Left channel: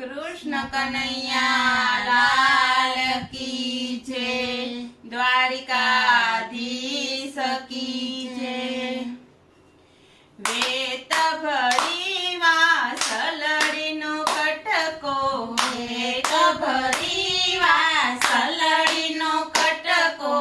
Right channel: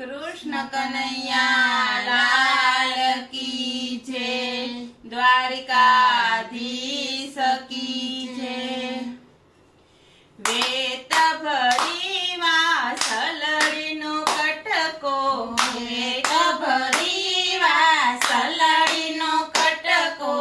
કૃષ્ણ કનૈયા લાલ કી જય, દ્વારિકાધીશ કી જય। વેત ભરી વાસલડીનો કટકો, વેત ભરી વાસલડીનો કટકો,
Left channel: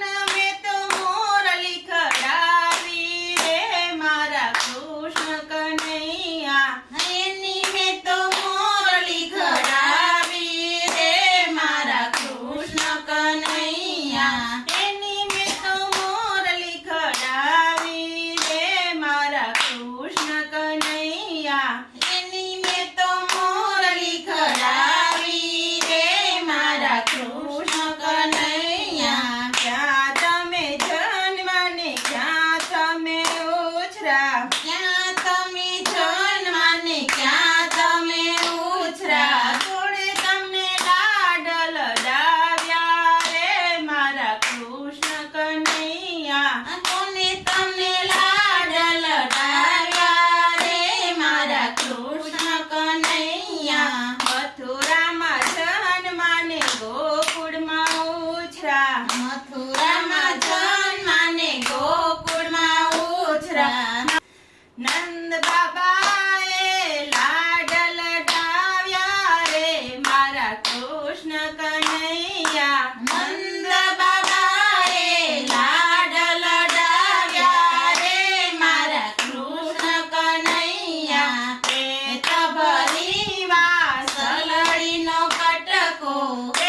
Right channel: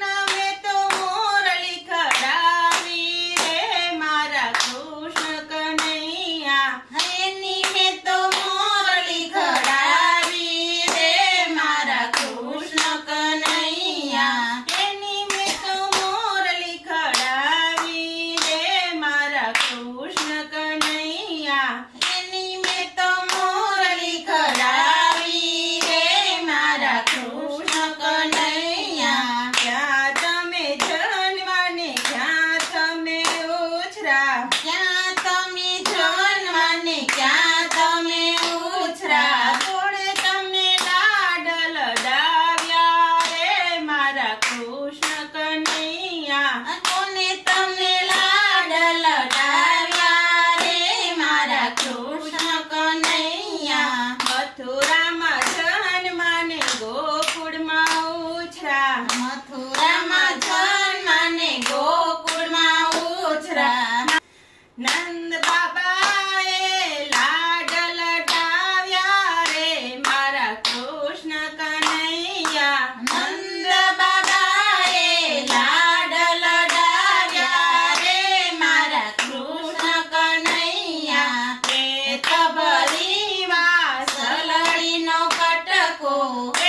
નમે તો મોરલી ખડાવી રે મારા કૃષ્ણ કનૈયા, એની મેં તો મોરલી ખડાવી રે મારા કૃષ્ણ કનૈયા, એની મેં તો મોરલી ખડાવી રે મારા કૃષ્ણ કનૈયા, એની મેં તો મોરલી ખડાવી રે મારા કૃષ્ણ કનૈયા। ક્યાં તમે જન્મા ને ક્યાં તમે ઉછરા, ક્યાં તમે જન્મા ને ક્યાં તમે ઉછરા, થોડે તમને લાડ લડાવ્યા રે મારા કૃષ્ણ કનૈયા, કોને તમને લાડ લડાવ્યા રે મારા કૃષ્ણ કનૈયા। મથુરામાં જન્મા ને ગોકુળમાં ઉછરા, મથુરામાં જન્મા ને ગોકુળમાં ઉછરા, નંદ બાબાએ લાડ લડાવ્યા રે મારા કૃષ્ણ કનૈયા, નંદ બાબાએ લાડ લડાવ્યા રે મારા કૃષ્ણ કનૈયા। પેટ ભરી વાસલડીનો કટકો,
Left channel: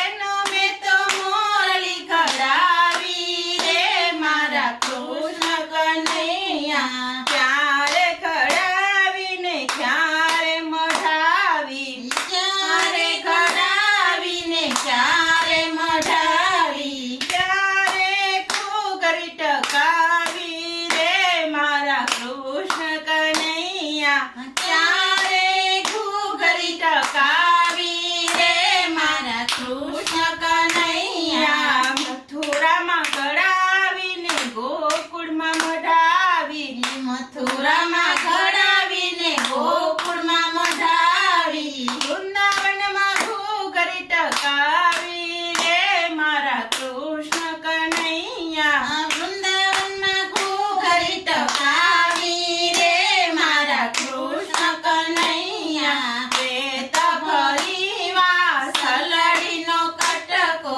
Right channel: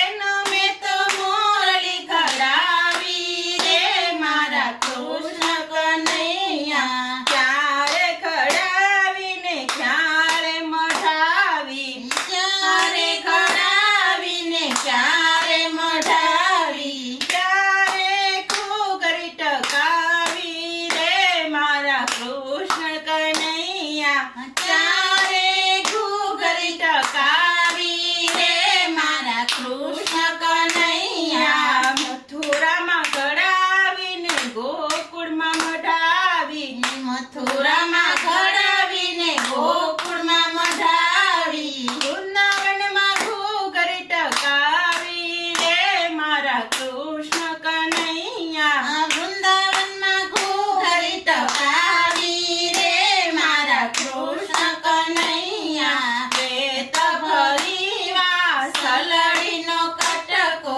એનો મેં તો મોરલી ખડાવી રે મારા કૃષ્ણ કનૈયા, ક્યારે ખડાવીને ક્યારે મઢાવી, ક્યારે ખડાવીને ક્યારે મઢાવી, ક્યારે ઘૂઘરી ટકાવી રે મારા કૃષ્ણ કનૈયા, ક્યારે ઘૂઘરી ટકાવી રે મારા કૃષ્ણ કનૈયા। મથુરામાં ઘડાવીને ગોકુળમાં મઢાવી, મથુરામાં ઘડાવીને ગોકુળમાં મઢાવી, વૃંદાવનમાં ઘૂઘરી ટકાવી રે મારા કૃષ્ણ કનૈયા, વૃંદાવનમાં ઘૂઘરી ટકાવી રે મારા કૃષ્ણ કનૈયા। વેત ભરી વાસલડીનો કટકો,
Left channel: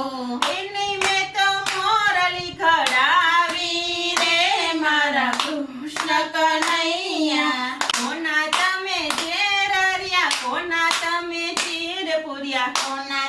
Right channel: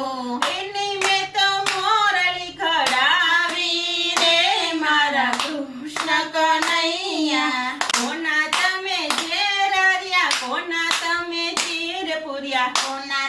એની મેં તો મોરલી ખડાવી રે મારા કૃષ્ણ કનૈયા, કોના તમે ઝેર રહ્યા, કોના તમે ચીર પૂર્યા, કોના